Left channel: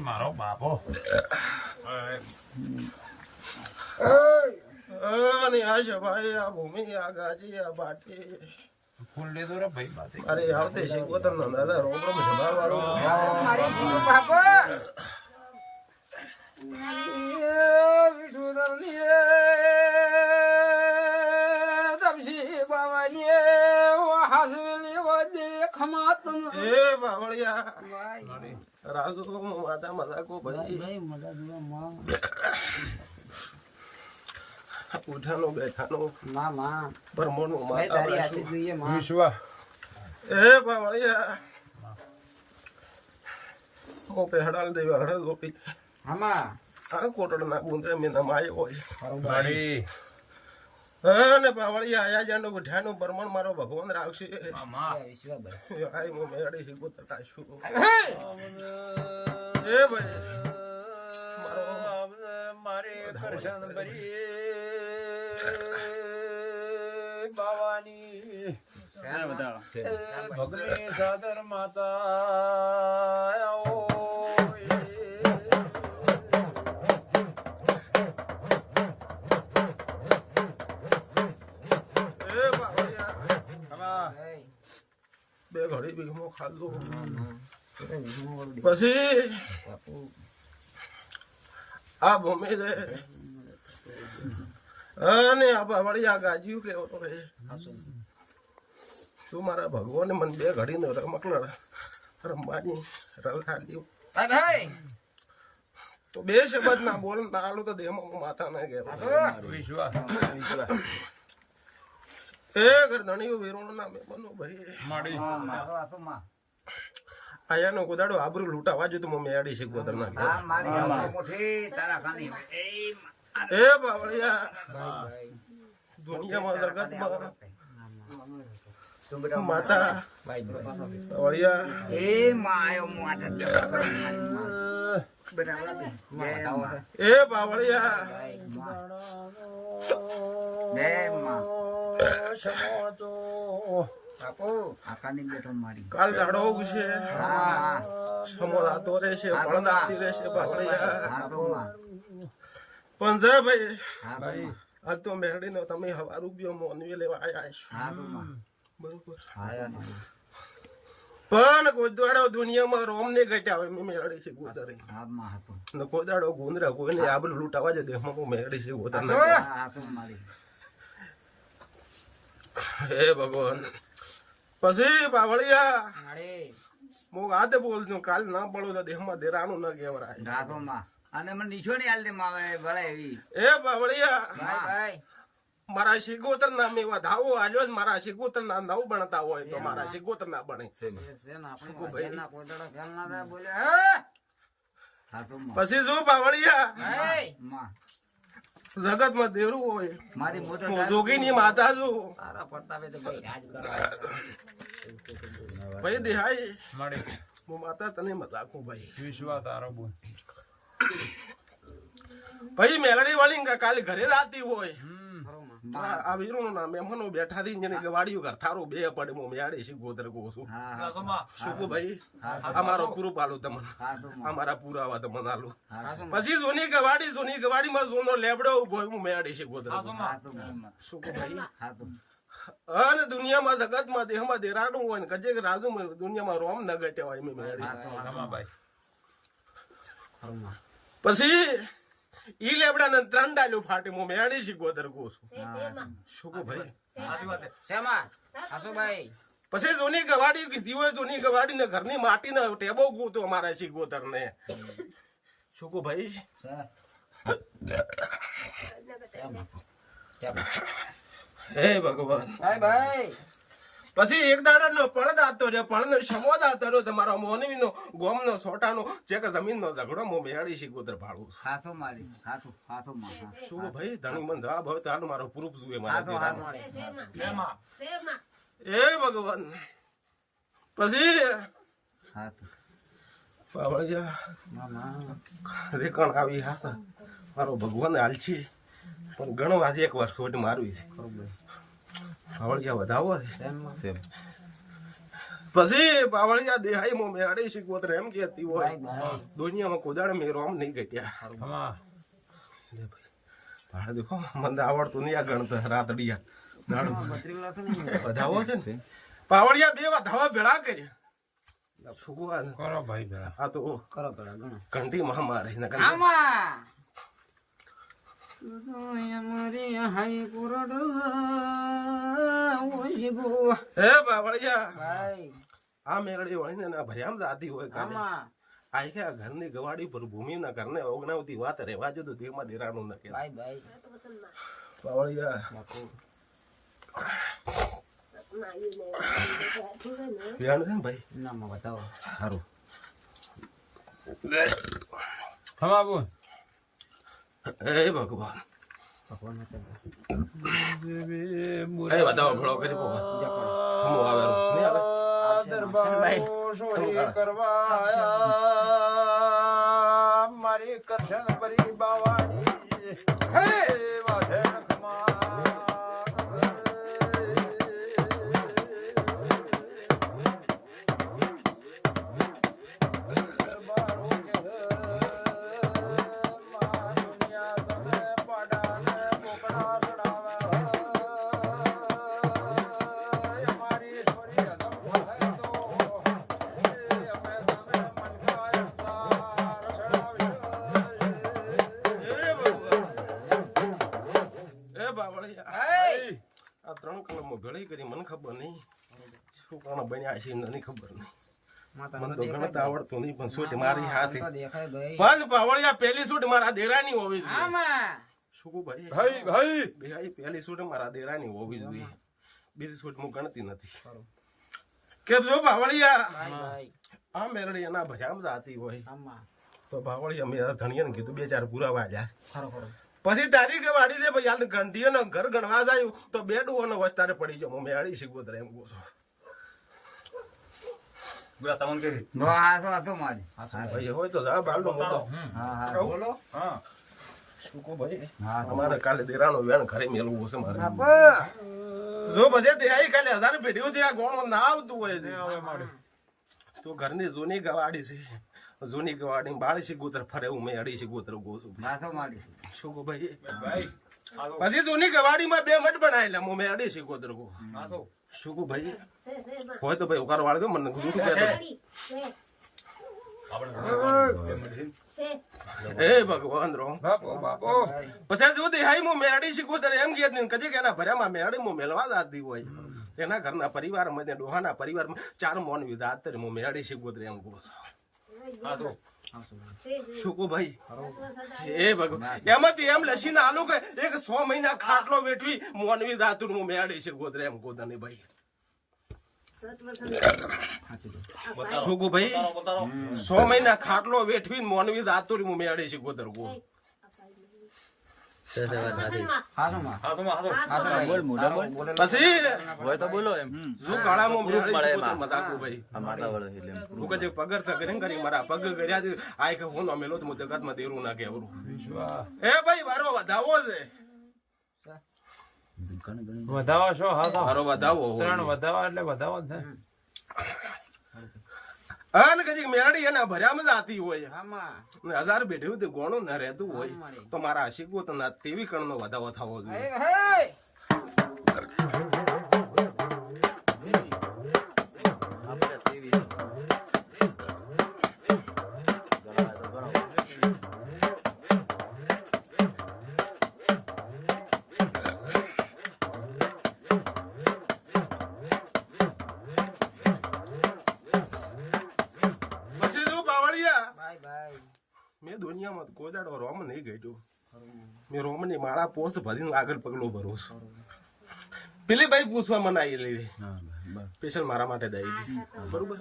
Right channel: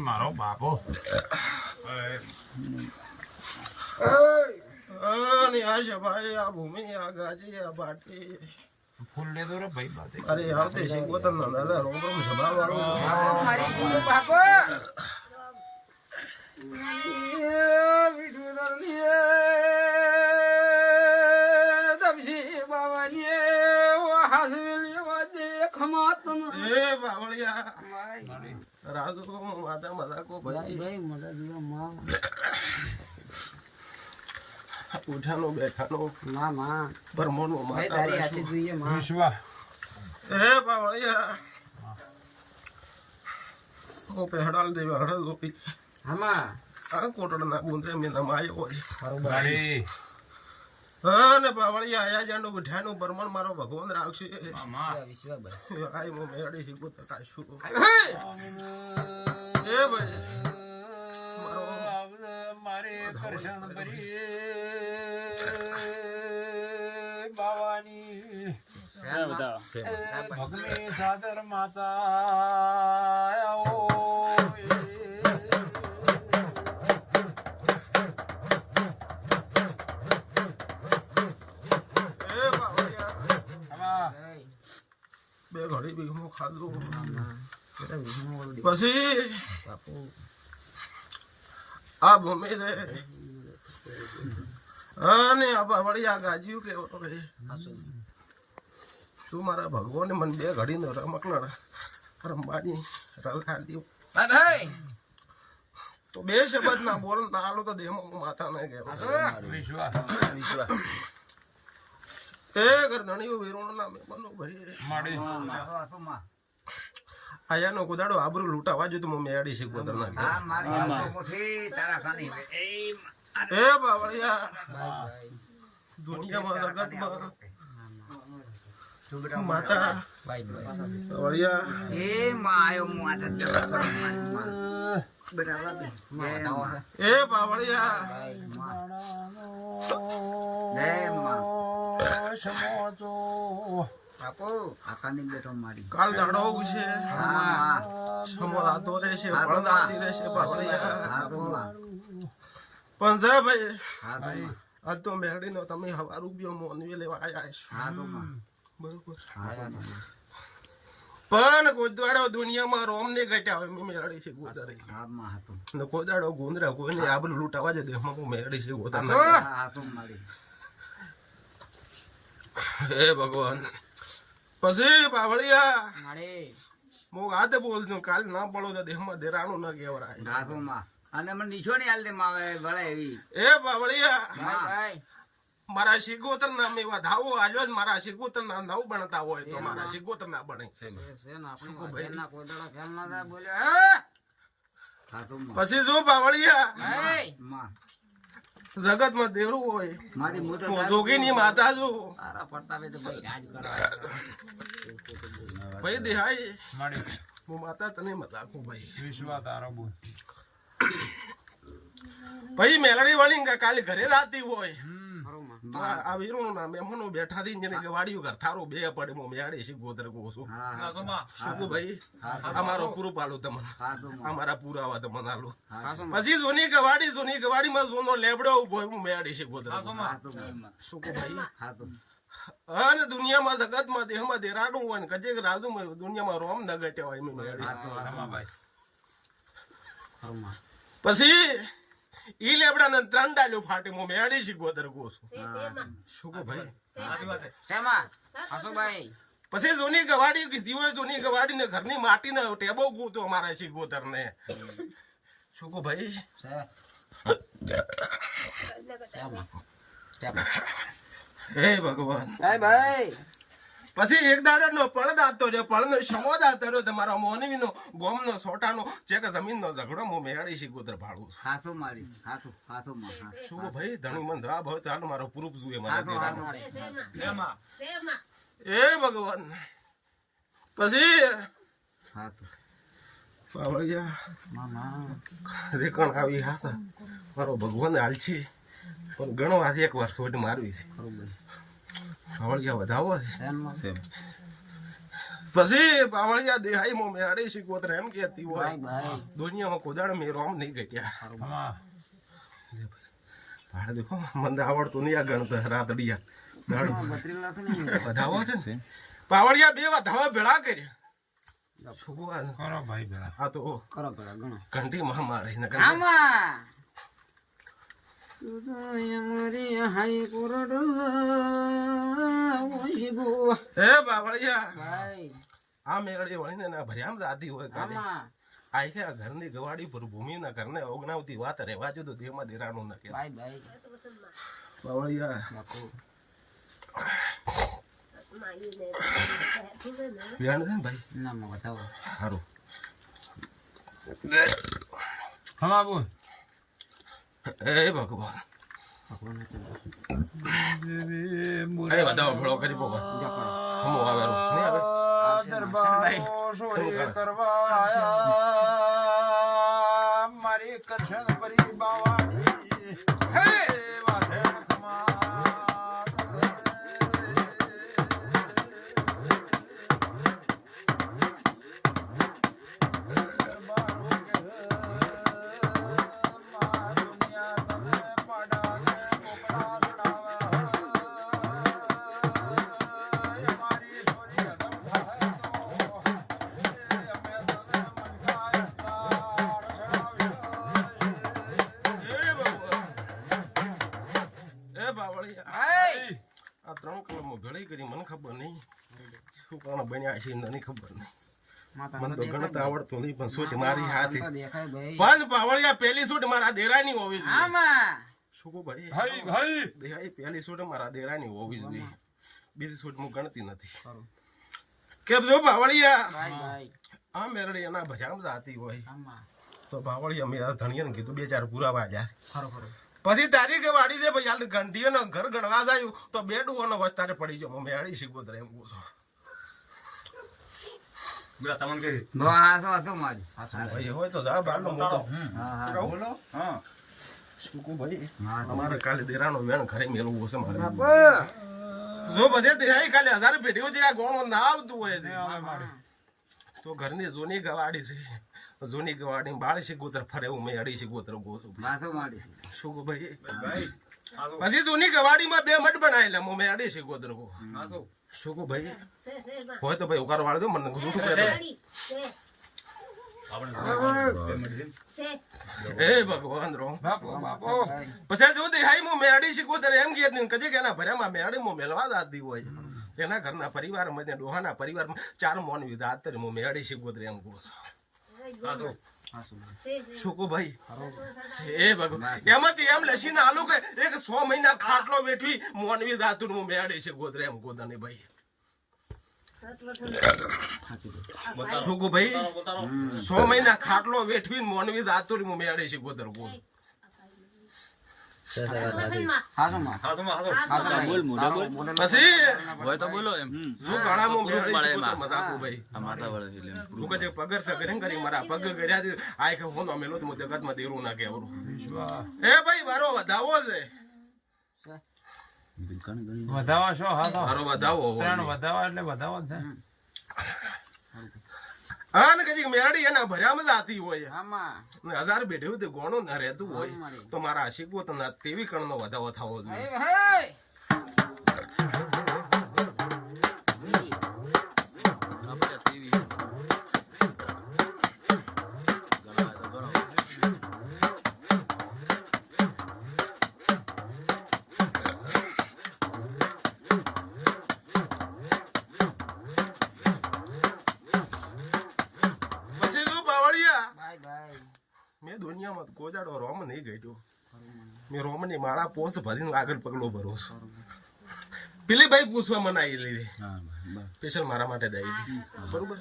મારો બાપો ભાઈ આ ભૂમિ આ ગાજી આ બાટી ફૂલ લે દો રે ભાઈ બાતે અરે આવતે શીખવતન ના દાદા રોમ રોમ સભા વાળો મારી જીવો બાપો વિઠુદરની તમસી બાવાની હાસવેલી વદે ખમાતમ એ બાવળિયા રાજુ માતા મજાકો ભાઈ મજા દીવા માં ઉઠાનો બેઠાનો માં માં પરમોનો માતા તારી આશી જોઈએ માં વિશ્વા એ બાવળિયા ઓ પેહડાલ દેવા હડલ લોપી હામાં આ કોટડના ગુંદરે મે નમાયો હોય ગાડી ને બાવળિયા આયા જાનો ઉઠાનો પરમણ મારો ભગવાન રાખશે વિશ્વા ભાઈ આઈ મો મેડી હિગો તટાશું એ ભાઈ મારો મારે દર્શન કરી બાવાની ક્યાં બતાવો ભગની સાદર માતા આવો બે ઘડી બીગમો ખાધો પછી આ ભૂમિ રે અને આ વળિયા ગાજ્યું કેવો તો રે તું મારા ભગવાને મને બે ઘડી નો રમકણ રમવાની રલખાલ્યું ભાઈ તો બે શબ્દ ના બોલ ના આલો તો દેહમાં માથા ના ગયો વિશ્વાસ એ ગરધણીઓ વીરોણ ના મેમનો ભાઈ માડી આયા નો કુદાડો આબરૂ લૂટાવા જો તો મેડી છે ગોદર ના હા મારી આબરૂ મોઠી તારા ખાની એ બાવળિયા ભાઈ દુનિયામાં જગતમાં માતા ભાઈ બાવળિયા એ માં આયો માતા બેટા એ બાવળિયા એ માં બાપુ આખાની બેઠો મારી કાલ દાડો છે હા સમોરાતો રહેશે બળદાતી રહેશે બાવળિયા પણ જા ભાઈ હા ભાઈ આજ તો મેરડી નો તમે હવા રૂપિયો મોનવી લેવા આયા છો હા બરોબર આયા પણ ગોદવાડો દુનિયામાં રોમ ને ઘટ્યા હોય મે મેરડી છે ગોદરે હા માં હતો ને ગોદાડો ગુંદરા કોઈને આબરૂ લૂટાવા જ દે હું મેરડી છે ગોદર હા તો મારી હે ભગવાન પછી બાવળિયા મારે હું આદે બોલજો કાલ ના પડો તો દેહમાં દેરાણું ન કેવરાય ગાથોમાં અને મને નીચો ને હાલ દે માવે વળે એવી એ બાવળિયા ભાઈ ભાઈ મારા શિગોતર ના મે વધાવો આલ્યો મારા શિગોતર ના નવ બનતા હોય તો મારા શિગોતર ના બને છે ને આપણે ના કોદડો ખેલ ના બોલે પછી જો બાવળિયા ભાઈ માં જગત માં દેવરું હોય મારી મોટો જોગી ની માતા જો તારા પડતાવે તો ભાઈ રાજ કરાય ભાઈ દેહાઈ માડે હું માતા તને મજાકો ભાઈ વિશ્વા તારો બોલ ભાઈ મેલડી વાળી કાલે ઘરે રાતી હોય આ વીરોનું નામ મહેમાનો બેઠા થી જેને ગવાડીઓ ઘર થારો બે પડે મો મેડી છે ગોદર ગોસુ શું ભાઈ અમારો પૂરું પાલું તમને અમારા પુરાવા તમને આલો પછી જોની ગવાડી માં જોનો લેબડો ઉભો હું મેડી છે ગોદર શું ભાઈ અને દુનિયામાં જગતમાં દેહમાં દેરાડું હોય ને કજે રાજુ દુનિયામાં રોમ ન ગટ્યા હોય મેં મેડી પછી ઈ લેબડા ને 3 ડાલ્યો ફાટે મો મેડી છે ગોદર ગોસુ શું ભાઈ શેમાં હાસો ભાઈ પછી જૂની ગવાડી કીધી હોય જૂની ગવાડી ને ઘરની માટી ને ટેબો ગોતો અમારા શીગોતર ને શું કહું ભાઈ હે ભગવાન ભાઈ પછી એક દાડાનો પળદ આતો રે પળનો સમોદ આતો રે તમારો મોનવીનો ગોમનો સોટાનો જે કે જમીનનો ઝઘડો મો મેળી શીગોતર ભાળું હાથો મારી હાથો માં શું ભાઈ ધણી મન જવાબ હોય તો હાલ મારો પ્રૂફ જોઈએ હાથો એ ભગવાન પછી હાથો પાવળિયા મામા રેકણ આવી હાસા મારો ભગવાન હાલછી પણ ઘણો આજે એક વાર સોટ મારવી છે પાવળિયા વધાવો છે પછી પાવળિયા દેહાઈ મો મેળે શીખવત એમ કેતી હોય દુનિયામાં કોદાળ મેં રોમ નહીં ગટ્યા ભાડે દેખો મને આવડતું નહીં આ ગણતો રાતડિયા વધાવો છે ને પાવળિયા બે વધાવા ભેળા કર્યા કરો ભાઈ ભેળા આ તો કરો ભેળા ગણો ઘંટી મહામારી ને આમાં અમારી હાઈ પુરડ ઓશીબુ હે બાવળિયા ભાઈ આ મેળડી વળીને ના ભર્યામ જાતી હોય આમાં આઈ છે આ ઘરની ગવાડી પર ભૂમિના ઘરને ઓગણાવતી વાત રહેવા જો તો દેમાં દેરાનું ન કહેવાય ભાઈ બાવળિયા ધ્યાન છે ને ભાઈ ના માં બતાવો સારું હમા બોલ એ ભગવાન એ વધાવો ભેળો કરી પો હમો આવેરો નહીં આવે દરબાર સોરી કરવા આયા મારી કરશન પરી બાવાની હે વાધે નખમા આ ત્રણ કલમો ભેળી કરી મને ખબર નહીં શું કારણે બન્યા છે મને ખબર નહીં મને તો ગણતા આવડતું નહીં પણ સૂટ મારી હાથે પણ પાવળિયા પહેલી સૂટ મારા દેરાની હોવી જોઈએ શું કહું ભાઈ દેહાઈ પહેલી સૂટ મારા દેરાની હોવી જોઈએ બીજી સૂટ હું ગણતી નથી કે જો પાવળિયા આ મેરડી એના ભજામ જાતી હોય તો પાવળિયા મેં ધણીયાને કીધું બે ચાર પૂરા વાળ્યા પછી તારી કે વાડી છે ભાઈ યાર ઘંટીઓ ને ઘર ગણવા જાય તો બે ડુવાનો વસ્તારે પડી જાવ મેં આડી શીખોતર એમ કહું છું ભાઈ હોય તો જા બાલ નો મોટો બોલો શું કહું ભાઈ અમારે કાલે દેરાનો વેન ઘરે મેળવું છે મારે જો પછી દેહાઈ કાલે 1000 પેઢીઓ આ ગોમ ના આવતું હોય તો ઘરની જૂની ગવાડી છે જૂની ગવાડી બાળ શીખોતર ફરે હું મેં અડી શીખોતર ગોતું શું કહું ભાઈ પછી જૂની ગવાડીમાં બે મઠ બનાવેલા હું મેં અડી શીખોતર ગો શું કહું ભાઈ હોય તો ભાઈ ઉકાર વાળ દો મને જૂઠું કહેતો એ ભગવાન રો પછી જો દેહાઈ હું મેળી શીખોતર એમ કે કદી કે એના ભર્યામાં મેળી હું મેળવા દાતી હોય એના ઘરના પરિવારમાં ડોહાના પરિવારમાં 4 મોન વિધા હું મેળી શીખોતર એમ કહું શું કહું ભાઈ એ ભગવાન એમાંથી એમ લસીને આલો કે એક 100 મહિના ખાટલો વેઠવી મોનવી દાતું હું મેળી શીખોતર એમ કહું તને ભાઈ શું કહું ભાઈ 100 મહિના ખાટલો વેઠવી મોનવી દાતું હું મેળી શીખોતર કહું પછી શું ગાળામાં મજાકું ભાઈ પગર કરી મારા પગ કર્યા આય કે હું મેલો તો જગતમાં દેરું ના કેવરું એ ભાઈ મારો વધાવો છે વધાવો છો મારો વધાવો વધાવા એટલે વધાવો છે હા ને કદી મેરડી એના ભર્યામાં જાતી હોય 1000 બેઠ્યું તે ગોણું ના રહેતું હોય તો મારા શીખવો તો તેવી કણનો વધાવો થવો જોઈએ દુનિયામાં કોઈ દાડો રોમ નહીં ગયો. મેં રોમની માળા પોસ ભરીને આગળ પગલો ભરો છું. પેલી ભાઈ પૂછવા મને આવી લીધી સ્પેશિયલ મારા માટે દઈ બરોબર.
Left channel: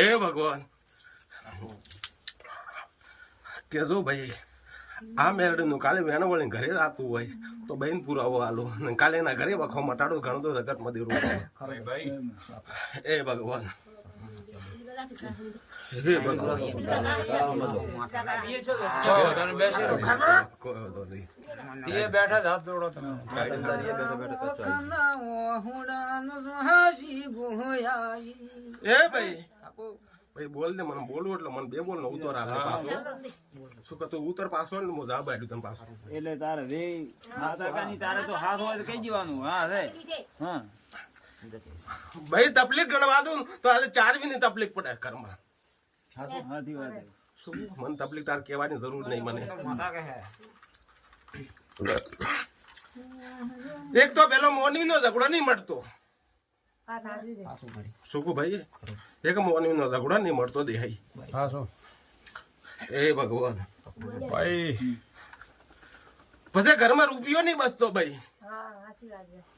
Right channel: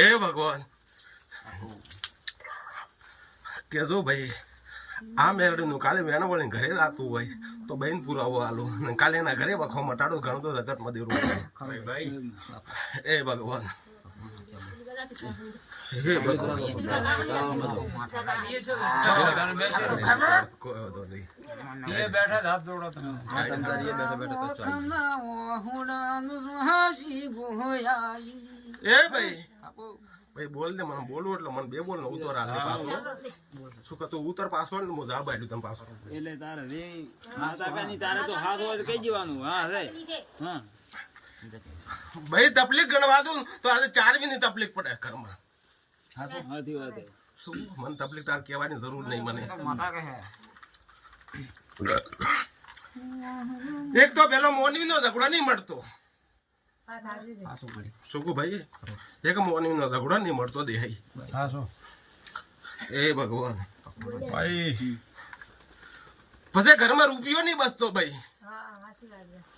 એ ભગવાન કેજો ભાઈ આ મેરડીનું કાલે વેણો વળીને ઘરે આવતું હોય તો બહેન પુરાવો આલો ને કાલે એના ઘરે વખો મટાડો ઘણો તો જગતમાં દેરું. એ ભગવાન બેઠા જ હાથ જોડો તમે. એ ભાઈ ભાઈ બોલ દે મને બોલવું એટલે મને બે બોલ ને ઉતર આગળ પાછો શું કે તું ઉતર પાછો ને હું જા બાડ્યું તમે પાછો એટલે તારે રે માતા કાની તારે તો હાથ હોય તો કઈ દેવાનું. હા રે હા ભાઈ તકલીફ ગણવા દઉં તો આજે 4 ની તકલીફ પડે ઘરમાં. હાથી વાત શું મને તકલીફ તાર કહેવાની જરૂર નહીં મને. એક તો પેલો મોર્નિંગ નો ઝઘડો નહીં મળતો. શું ભાઈ એક મોર્નિંગ નો ઝઘડો નહીં મળતો દેહાઈ. હા શું એ ભગવાન ભાઈ પછી ઘરમાં રૂપિયો નહીં બચતો ભાઈ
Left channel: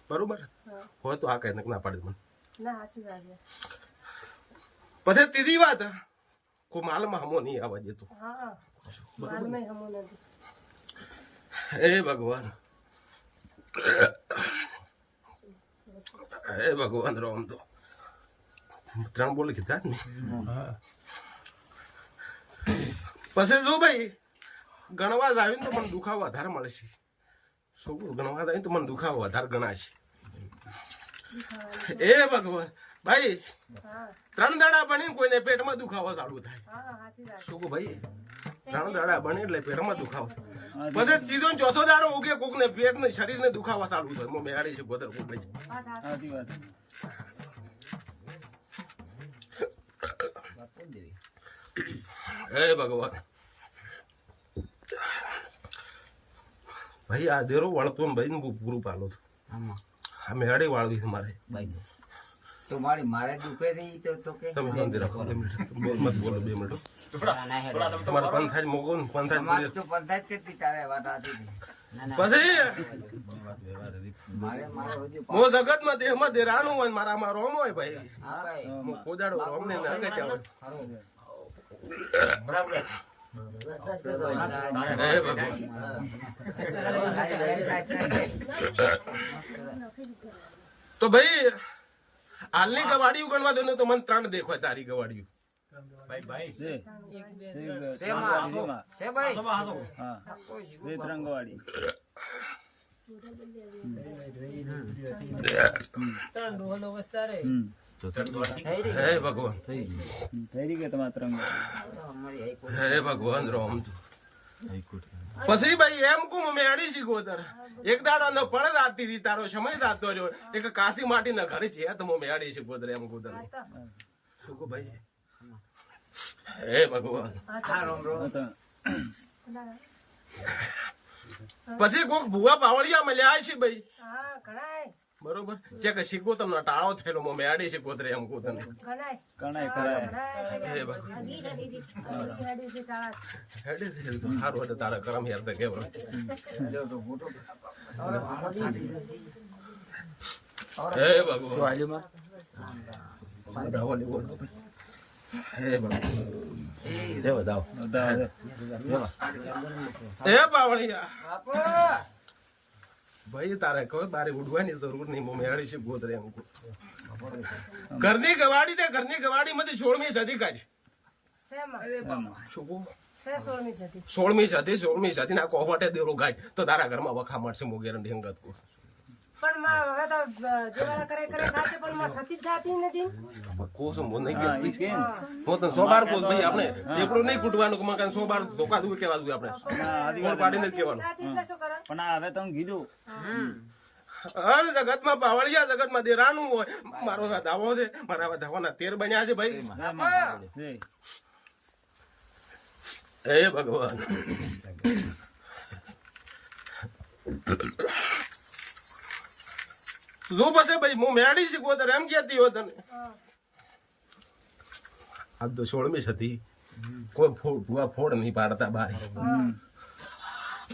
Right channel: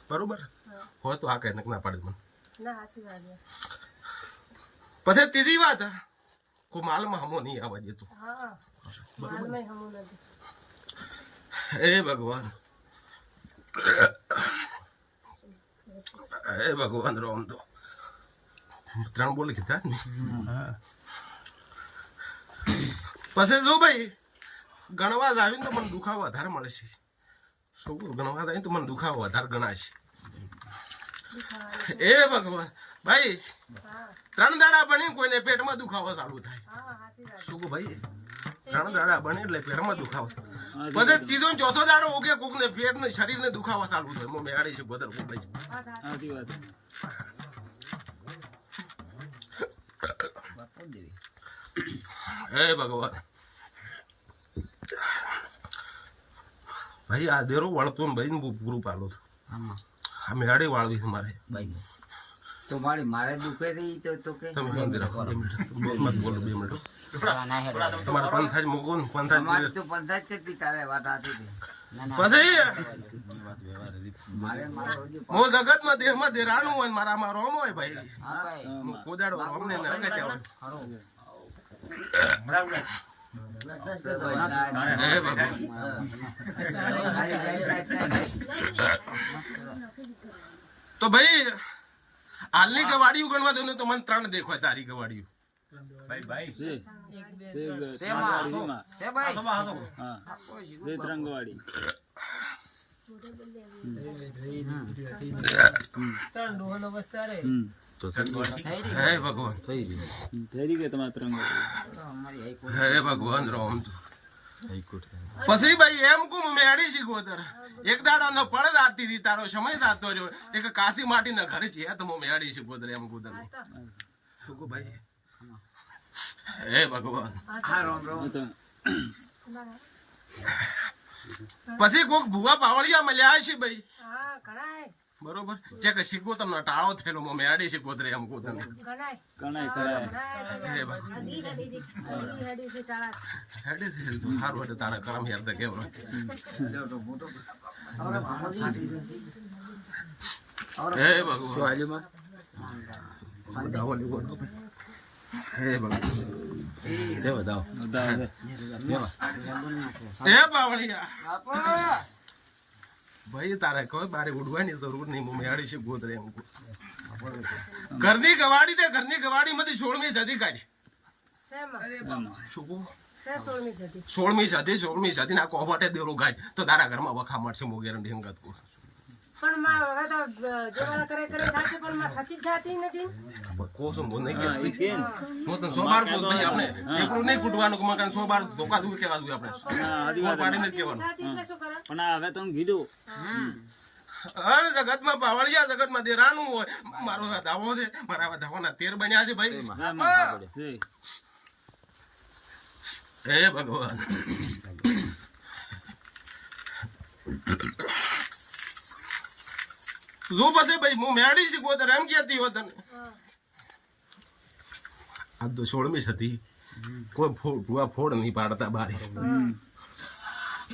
બરોબર હોય તો આ કઈ ના પાડે મને. પછી ત્રીજી વાત કો માલમાં હમો નહીં આવવા દેતો. એ ભગવાન એ ભગવાન રોમ દો 3 બોલ કીધા ને. પછી જો ભાઈ ગણવા જ આવીને તો મને દુખાવો વધારે મળશે. શું ગણવા આવીને તો મને દુખાવો વધારે ગણાશે. એ ભગવાન ભાઈ 3 દાડા બની કોઈને પેટમાં દુખાવો ચાલુ થાય. શું ભાઈ 3 દાડા બને એટલે પેટમાં દુખાવો પછી ત્રીજો ને ચોથો દાડો ઉગે કોક ને પેટ ને શરીર ને દુખાવા ચાલુ થાય. હું મેળાડી છે ગોદર કોક ભાઈ. હે ભગવાન ભાઈ આ દેરો વાળતો ને ભાઈ પૂરું પાલો છું. આ મેળાડી વાળવી છે મારે. તો મારે દુખે રહી તો કે તમે શાંતિ રાખો 2 મિનિટ મત બોલો 2 મિનિટ. તમારા પંચાયત મોગો ને પંચાયત તો પંચાયત કેટલી તારે વાત આતી પછી હું જગતમાં દેહમાં દેરાનું હોય મારામાં રોમ હોય ભાઈ. હું કોદાડો રોમ ને નગટ્યા હોય. તો ભાઈ હાલની ગવાડીઓ ગણવા દો ને તો મને 3 દેખાય તારી ગવાડીઓ. હે ભગવાન હે ભગવાન રોમ પછી ભાઈ એમ કું મેળી શીખો તાર એક દાડા નો પડદ આતી રી તારો સમય દાતો રહ્યો એક કાશી માટી ના ઘરે છે તો હું મેળી શીખો તાર એમ કું તને શું કહું ભાઈ. હે ભગવાન પછી કોક ભુવા પાવળિયા મળ્યા છે ભાઈ બરોબર જે કે શીખો તમને ટાળો થયેલો હું મેળી શીખો તાર એમ કું તને. સારું હતું તારા કરમ યાર તો કેવરો. હે ભગવાન હે પાવળિયા ભાઈ તારે કોઈ બારે ઉડવાની જરૂર નહીં. હું મેળી છે ગોતરે એમ ઘરની ગવાડી દે ઘરની ગવાડી માંથી 16મી સદી કાઢી. શું 16મી સદી ના કોફાટે દેરો ગાય તો તારા ઘરમાં વખા મળશે. હું ગેરંટી હંગત કહું પણ માં હવે તો જેવાળા કરે થાશે પણ માં સતી જાતી નથી. કોસમ બોલ નહીં કે હું તો 100 બાર કોસ ભાઈ આપણે એકડું નહીં કૂટવાનું કે મકાન 100 બાર ધોકા દુઈ કેવા દુઈ આપણે કોણ પાડીને કહેવાનું. પણ હવે તમે કીધું અરે જગતમાં પાવળિયા જગતમાં દેરાનું હોય મારો દાવો છે મારા ધાવાના 13 બન્યા છે ભાઈ. હે ભગવાન જો પછી ભાઈ હું મેળી શીખવો તો એમ કહેતી હોય તને આ તો 16મી સદી કોઈ ભૂવા ફોડ નહીં પાડતા બારી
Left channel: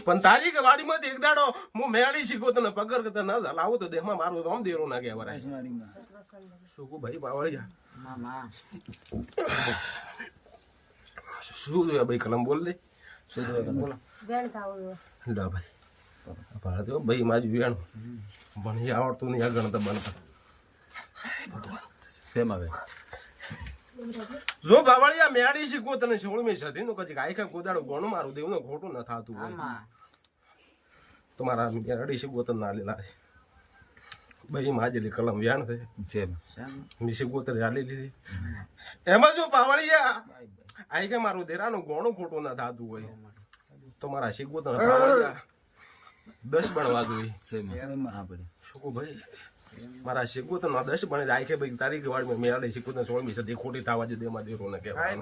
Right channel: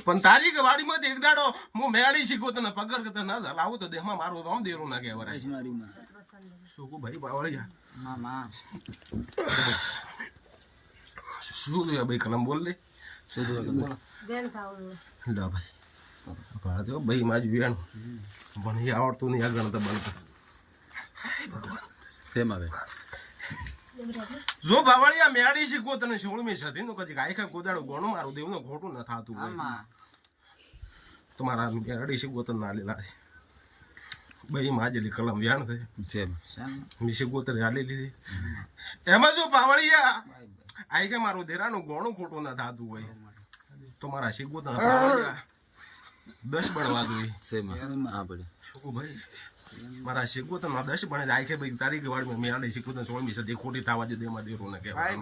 પણ તારી કે વાડીમાંથી એક દાડો હું મેળી શીખો તને પકડ કે તને ના લાવું તો દેહમાં મારું રોમ દેરું ના કહેવાય શું કહું ભાઈ પાવળિયા શું જોયા ભાઈ કલમ બોલ લે શું જોયા બોલો વેણ ખાવું ડા ભાઈ ભાડે તો ભાઈ માજ વેણ પણ એ આવડતું નહીં આ ગણતા બનતા જો બાવળિયા મેળી શીખવો તને 16મી સદીનું કદી આખા ગોદાડો ગોણું મારું દેવનું ખોટું ન થાતું હોય તમારા મેળી શીખવો તને ના લેલા ભાઈ માજેલી કલમ વ્યાણ થઈ મી શીખવો તને હાલી લીધી એમાં જો બાવળિયા આખે મારું દેરાનું ગોણું ખોટું ન થાતું હોય તો મારા શીખવો તને બાવળિયા 10 બનવા જોઈએ શું ભાઈ મારા શીખવું તો 10 બને જાય કે ભાઈ તારીખ વાળમાં મેળે શીખવું તો 16મી સદી ખોટી થવા જ દેમાં દેરો ને કહેવાય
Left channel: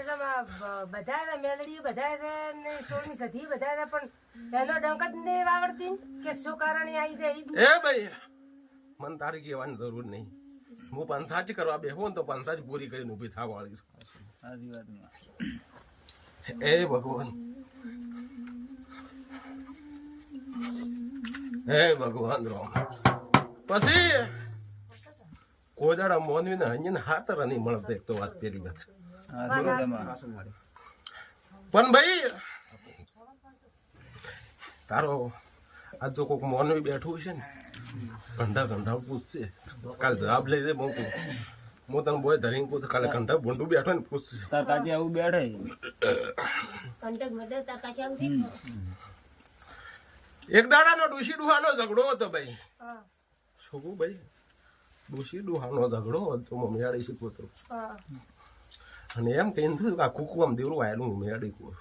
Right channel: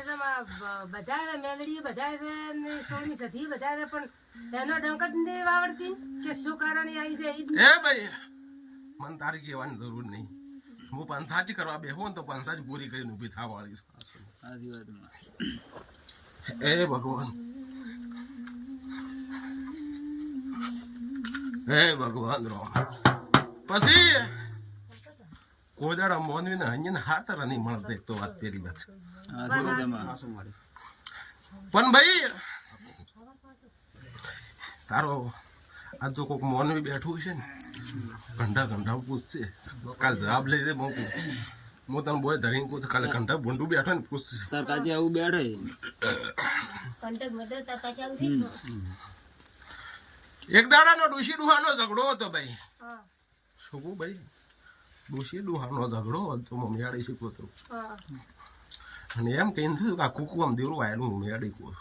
એટલે બધા મેલડી બધા છે ને 16મી સદી બધા છે પણ એનો ડંક જ નહીં આવડતી કે શું કારણે આવી જાય એ ભાઈ મન તારી કહેવાની જરૂર નહીં હું પંચાજ કરવા બેહો ને તો પંચાજ પૂરી કરીને ઊભી થવા વાળી એ ભગવાન હે ભગવાન રામ પછી કોદાડા મોનવી ને હંજીને હાતર નહીં મળતો એક તો વાત પેલી વાત પણ ભાઈ તારો આ તો કોઈક મોનવી બેઠું છે ને ઘંટા પૂછશે કાલે જવાબ લઈ દે હું તને બોય ધરીને પૂછ કાલે ઘંટા ભૂંડું બેઠો ને પૂછશે તાર કાજી આવું બેઠે એક દાડાનો ડુસી ડુહાનો ઝઘડો હતો ભાઈ શું કહું ભાઈ ડુસી ડુહાનો ઝઘડો હતો હું મેળી શીખું તો અને એમ કહીને થયું કે આ કુકુ આમ દેરું આવેલું હું મેળી કહું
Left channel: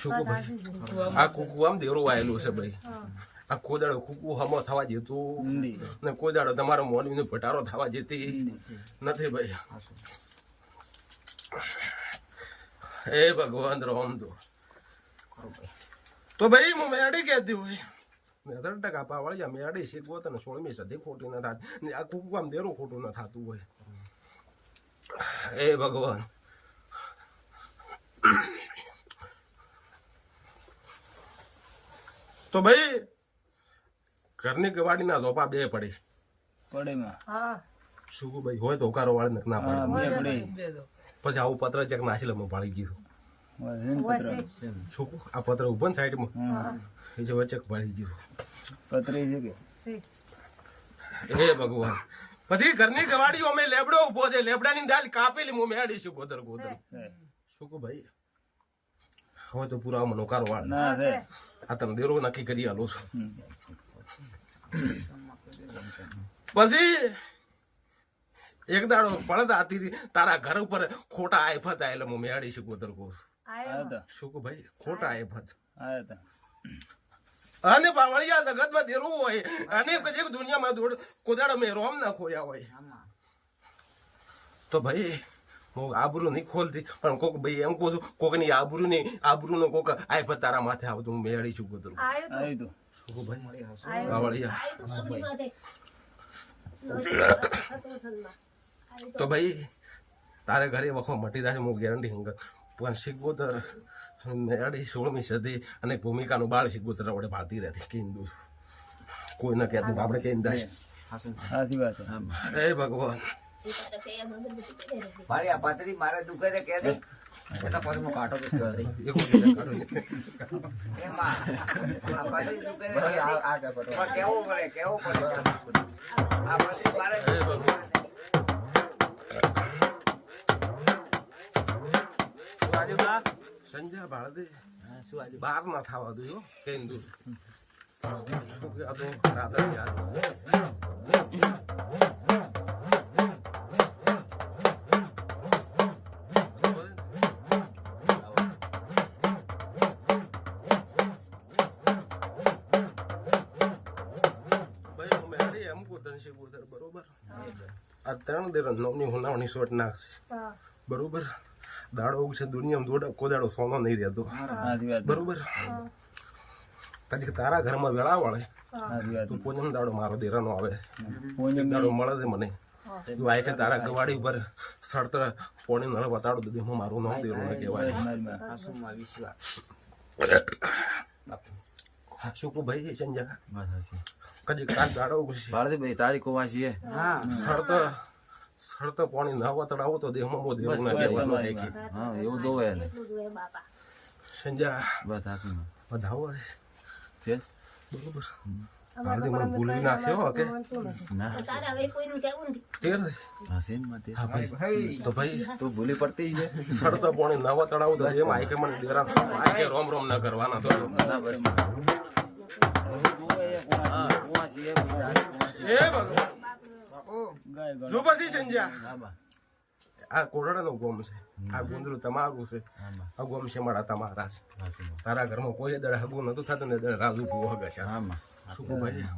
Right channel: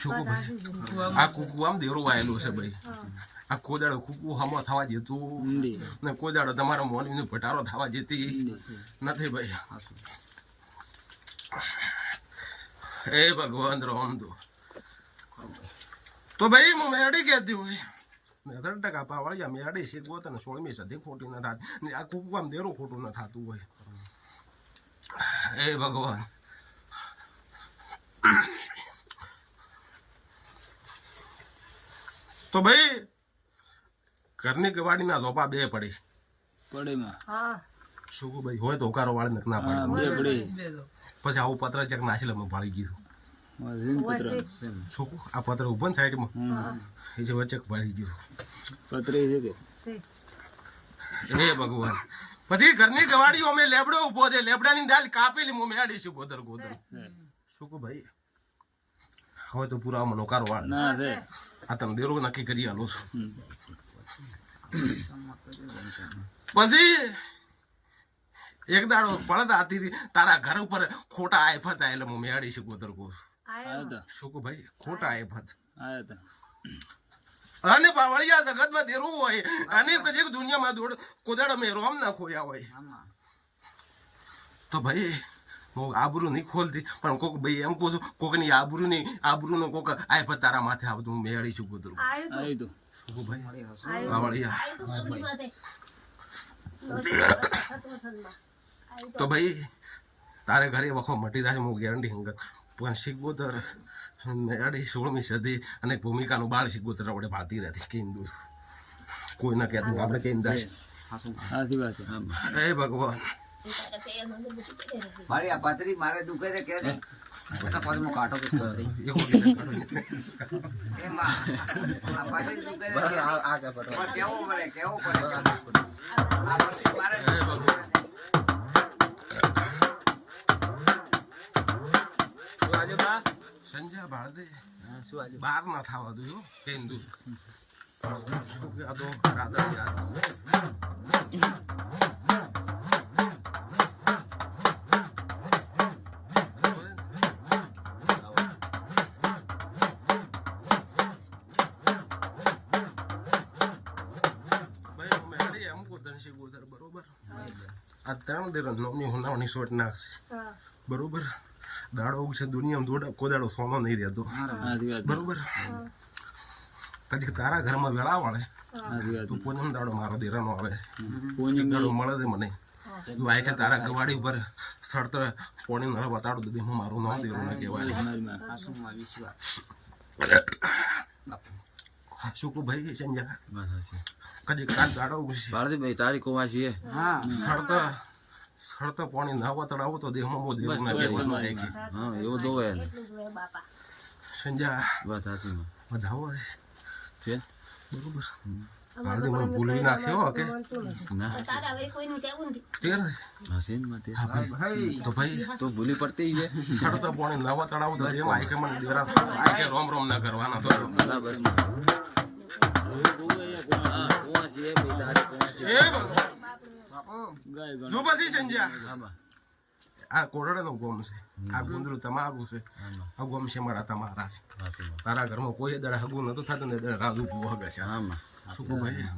શું કહું ભાઈ આ કુકુ આમ દેરું આવેલું છે ભાઈ આ કોદાડો કુકુ હમો થવા જતું ને કોદાડો તમારો મોનીનો ભટારો થવા જતી નથી ભાઈ એ ભગવાન રામ તો ભાઈ હું મેળી કહેતી હોય 10% પાવાળિયા મેળી શીખવો તને 16મી સદી ખોટી ન થાત ને આ કુકુ આમ દેરું ખોટું ન થતું હોય એ ભગવાન તો ભાઈ ઘરની ગવાડીના ઝોપા બે પડી શું ભાઈ હોય તો હોકારો વાળી ના પડે પછી આવું પત્ર ચેક નાસી લે ભાળી ગયું શું આ પત્ર ઉભો ને સાઈડમાં એ જે વચ્ચે ભાળી ગયું પત્ર એ ભગવાન પછી ઘરની ગવાડીઓ અમે લેબડો ઉભો છે લેબડાની ડાલ કાપેલી હું મેળી છું ગોદર શું ભાઈ હવે તો પૂરા મનોકારો વાળ આ તમે દેરો નક્કી કરી આલો છો પછી એક દાડો પડદા હતી તારા ઘર ઉપર ખોટા આયફત આયેલા હું મેળી છું ગોદર કહું શું ભાઈ ખોટા આયફત અને પાવળિયા જગતમાં દેરું હોય અને કજે દુનિયામાં દોડ કોદાડો મેં રોમ ના ખોયા હોય તો ભાઈ હું આબરૂ નહીં ખોલતી પણ કોક ભાઈ એમ કહું છું કોકની આબરૂનો કોક આયફત તારા માથે આવતું હું મેળી છું ગોદર શું ભાઈ પાવળિયા તો ભાઈ તારે ઘરે વખો મટી જાય હું ગેરંટી હંગ પણ શીખગોતર મેળી 16મી સદી અને ભૂમિકાનું બાળ શીખગોતર આપણે ભારતી રહેતી કેન્દુ કોઈ ન કહેતું આપણે કેમ દાશ એ ભગવાન મારી આ પાતરી મારે દુખે છે કે દે બધા પાછો કાઢો કે એમાં આ પાતરી દુખે છે આ કે પટો કેવું પડે આ પાતરી મારે સંજય ભારતે બહાર ના થવા દો કેમ દઉં શું કે આ તો રાધા યાદ બરોબર આ 3 દેર નવની હોનાવની શોટ નાખશે બરોબર દાડો છે દુનિયામાં કોદાડો સોનો નહીં રહેતો બરોબર કદી તારા ઘરમાં વેળા વાળે તું પૂનમ દાડો મારો દેરાનો આવે પૂનમ દાડો મળે છે મને તું આય કે તારા ગવાડી ઉપર સડતર પોણી નળ બતાડું તો દેમાં મારું નામ દેવું ન કહેવાય આસુમાં વિશ્વાસ શું કો ભાઈ સંજા બસ સાચી કદી કાલ દાડો ગુસી ભારતીભાઈ તારી કોવાસી હે હા સડતર પોણી ન બતાડાવો તો દેહમાં મો દેવું ન કહેવાનું આય કે હા એવું દોવે એને સંજા બસ સાચી વધાવો છે બરોબર હાલથી મને ભૂલી નાખ્યો કે ના હસીન મતે હા ભાઈ તો ભાઈ તો ભૂલી પડતી છે સડતર પોણી ન બતાડાવો તો એમ આય કે મને દેરા આય કે રોમ રોમ ના કરવાના તો ના બસ કોવાસી હે ભાઈ તારી કોવાસી એ ભગવાન ગાય ગણ જો બધી સંજા હા બા આ કોરડાનો ગોમ છે આ ગુંદરું તમારું છે હા બા આ ગોમ છે મારા તમારા છે સાચી તારા ઘરમાં કોઈ દડે હગું નતું થતું ને દડે રાજુ પૂવો હગે છે હા માં શું કહું ભાઈ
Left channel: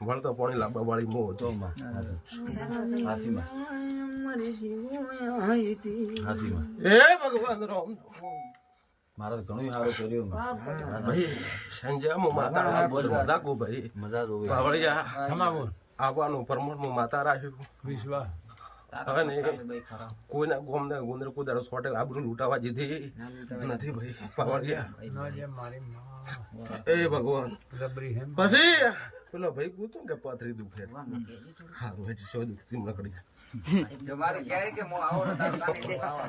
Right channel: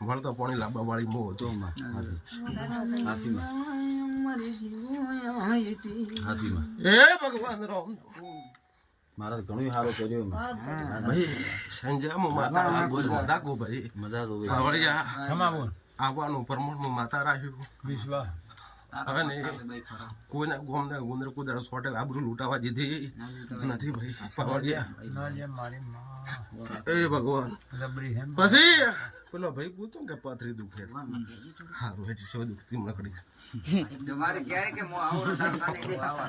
વળતો પાણી લાવવા વાળી મો હતો તો માં સાચી માં સાચી માં એ ભગવાન રામ મારા ઘણું સારું કર્યું ભાઈ સંજય મો માતા બોલતા કો ભાઈ મજા તો પાવળિયા ખમાવો આવવાનું પરમોણ માતા રાખ્યું વિશ્વાસ હવે ને કોઈના ગોમ ને ગુંદર કુદર સોટે આબરૂ લૂંટાવા દીધી નથી ભાઈ પાવળિયા ના જે મારી માં એ ભગવાન રબરી હેમ પછી પેલો ભાઈ પૂછું કે પાથરી દુખે હારું હેઠી સો દુખતી મકડી તમારે ક્યારે કે મો આવો તાર કાને દે આવો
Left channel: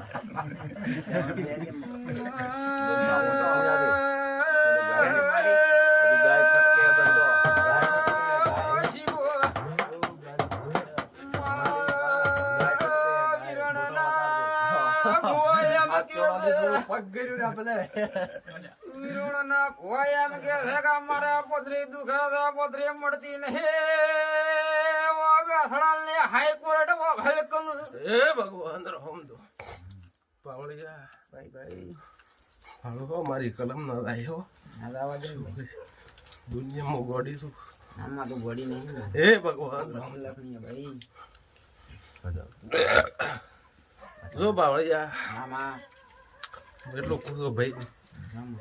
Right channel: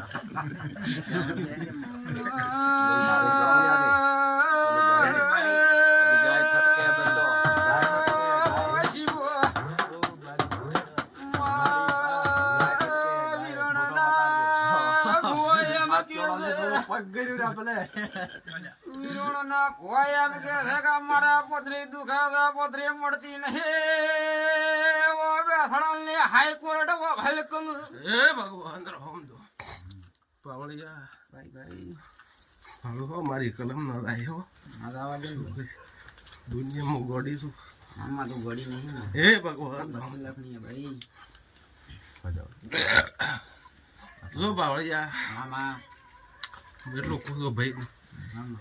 એ ભગવાન રામ દો પાવળિયા ભાઈ ભાઈ હાલો મારી કલમ ન લાયો દુનિયામાં ગોડી છું આમાં તો ગોડી નહીં ને એ ભગવાન રામ લખણી ભાઈ જો પાવળિયા આમાં એટલું ખુશો ભાઈ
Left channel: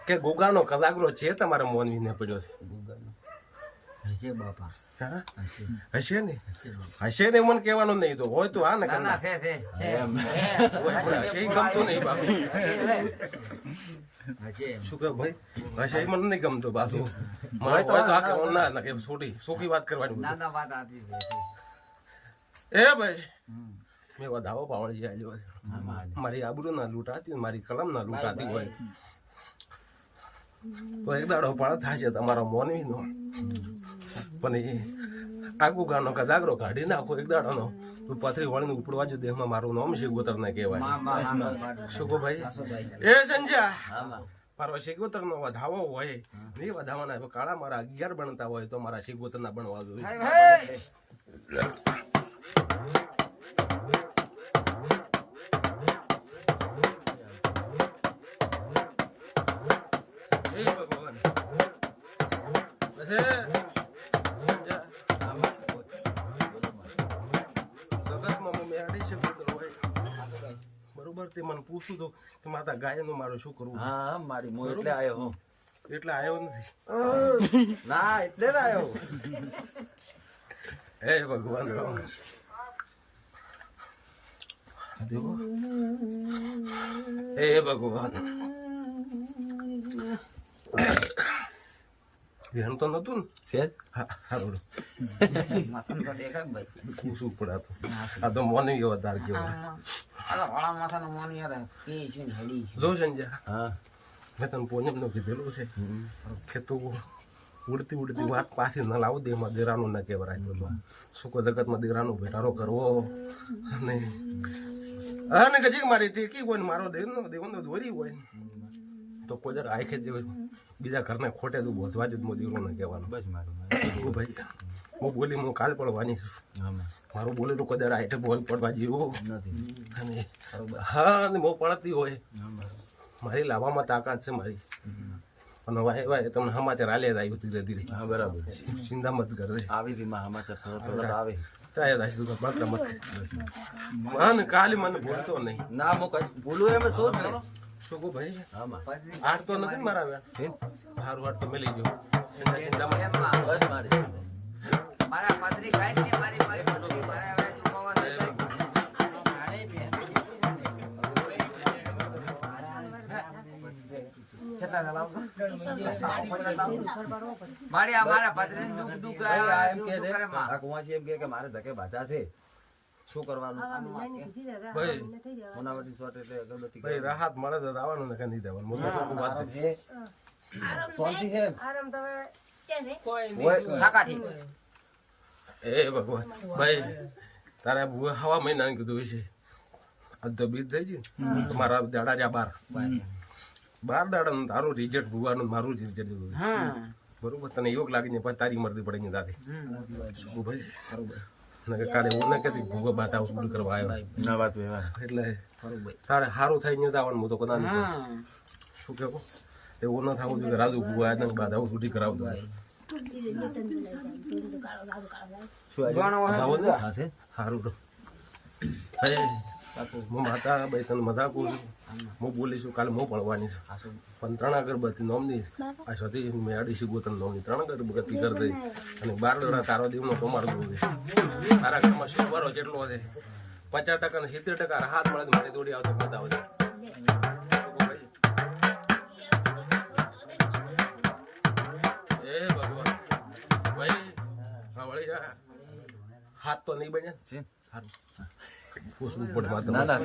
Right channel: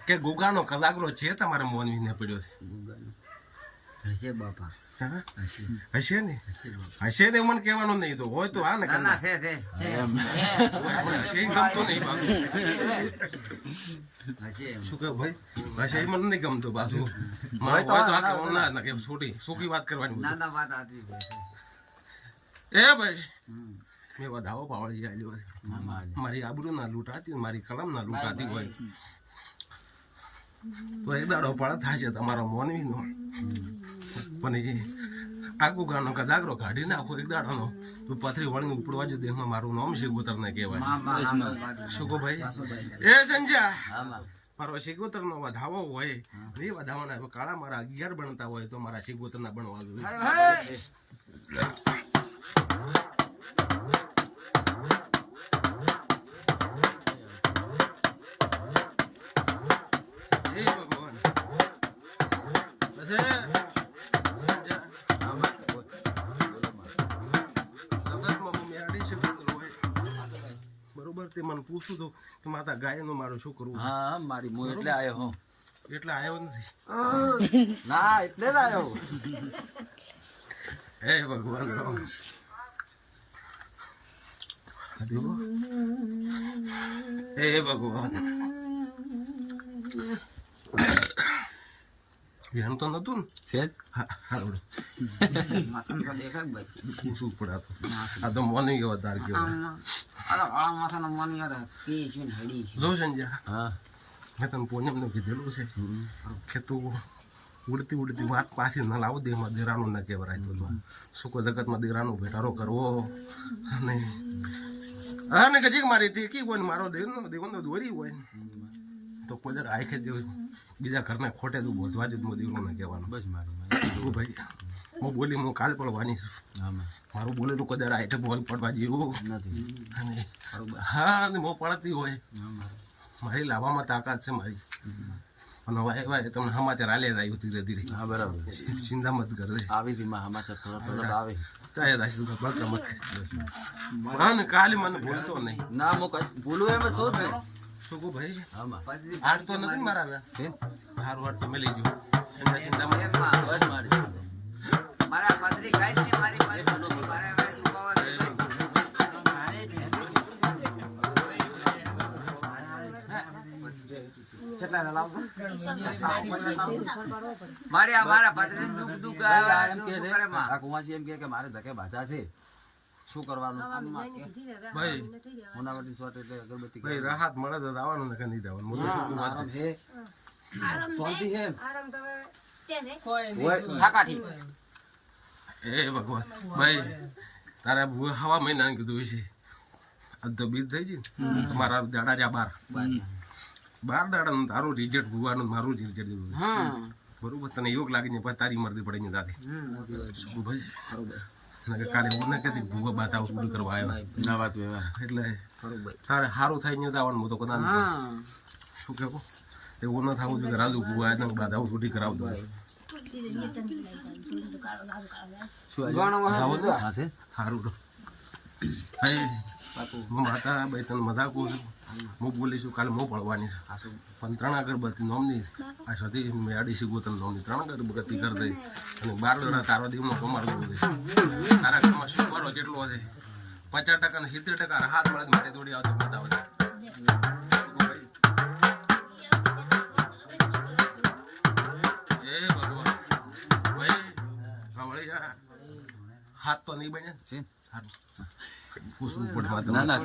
કે ગોગાનો કલાકરો છે તમારા મોનવીને પડ્યો છે હશે બાપા હા હશે ને હશે ને મને કહેવાનું નહીં તો હોય તો હા ને ના ના છે હશે ઈ ગમતું નહીં બાપુ હશે શું કે ભાઈ હશે ઈ મને નહીં ગમતું પાછું મને હોય તો આ કે ના કે સોકી વાત કરવાની ના ના વાત આતી છે એ ભાઈ મેં વધાવો પાવળી જાય મારી આબરૂ ના લૂંટાતી મારી કલમ ના લૂંટાતી હોય તો એક દાડો પણ થાય છે તમારા મોનવી નો પણ એ આગુ ગાનો કદાગરો કાઢી નાખો એક દાડાનો તો પથરી વળીને ઉપડવા જ દેહમાં મારું નામ શિગોતર ને કહેવાય શું કહો ભાઈ એ સંજ્યા મારો શિગોતર નો વધાવો હોય નહીં વધાવાના કાળા મારા 11 બનતા હોય તો મારા શિગોતર ના બનવા જોઈએ મને પૂછું તો કે માતા ગાય નું મારું શું કરવું હા મારી મો એટલે આવ્યો હું એટલે આવ્યો નથી ના એટલે જ આવ્યો હે ભગવાન દેવો હે ભગવાન એમ તો નતું ને છે હારું માથા તો દેખાય ભાઈ પૂછવું પડાતું આ તો મોની ગયો તાર કેવો અરે વાળા માથાનો મન યાર કી છે ને હડી છે જો સંજ્યા હા મેં તને પોનેમ નું કીધેલું છે કે તું ઉડતી ઉડતી વાત પાછી ન લાવો દેમાં દેરાનું ના કહેવાય તો સુકો જગતમાં દેરાનો ભેટારો કરવો અને ગજીક મારી ટેકી હોય ને મારો દેવનો દોરી હોય તો કોઈ દર આખે જે બીજા ઘરને ખોટે તું બોધવા જ દેવરો ના કહેવાનું બસ મારું ભાઈ હું બોલી હું કાલ પડવાની છું મારું બોલે તો કોઈ દર આઠે બોલ પડવા જેવું નથી અને હા અને બહુ પડતી હોય મારી લાવવામાં તાકાત છે મારી અને વાય તમને સમાચાર આલે આવ્યું ધીરે ધીરે હા બરાબર ચિંતા મત કરે આવી હતી માં સમાચાર થોડો આવે કાંઈ રાશી તો માત્ર મત હા ને કાલે મને ભૂલતો નહીં ના હું ભૂલું એમ શું જ શું કહું ભાઈ હા માં હાર તો નથી મારા હારું હાર તમે લઈ જાઓ ચિંતા મત બસ મારી મારા પાદરી ગાય ને મારી મારી મારા મારે અમારા પત્ની દુઃખ દુઃખ આવ્યા એમ કે દુઃખ કરે માં. આ કુંવાસી એમ કે મારે ધકે બાધા છે શું કરવાનું ભાઈ મોનાવટી શોટ એટલે અગરબત્તી ભાઈ રાહત મળે તો આવવાનું ને કે નહીં દેવાનું હું તો શું વાત છે. શાંતિ છે આરામ તો હવે ઠાકાઠી એ ભગવાન ભાઈ તારા ભૂએ હવા મહિનાને કીધું હોય છે આજ તો બીજ થઈ ગઈ ને મારા દાડા જ્યાં 12 દાડા તારું રિઝલ્ટ ભૂવાનું મારું રિઝલ્ટ દીધું બરોબર તને યોગ લાગી ને પછી તારી મરદી પડી ને દાદી શું ભાઈ બરોબર કાલે એવું ના કહેતી ભૂગો બાતા ઉડી કરવા આવ્યો ના વાત એટલે તારે સારું થઈ ને આવવાનું હું તો કદા શું કેવું એવું ન થવું જોઈએ રાજુ ભૂગો આવ્યા ને બાધા ઉડી કરાવતો સારું તો ભાઈ હું માતા ભાઈ તને મજાક કહું છું હું બોલીશું કાલે હું પડવાની છે પણ 3 અગરબત્તી નોમની આ સતી મેળી શીખવું તને નોમની 3 અગરબત્તી કરી દઈ અને 12 દડા તારો દેવનો કમાર કરવું છે તારા ઘરમાં શું વારો જેટલો છે 50% ને 70% હાથ મળે મારી દોડી આવતો બતાવે એ ભગવાન ભાઈ વળી હાથ તો નહીં બને છે સારું પૂછવું પડે વાત ના ના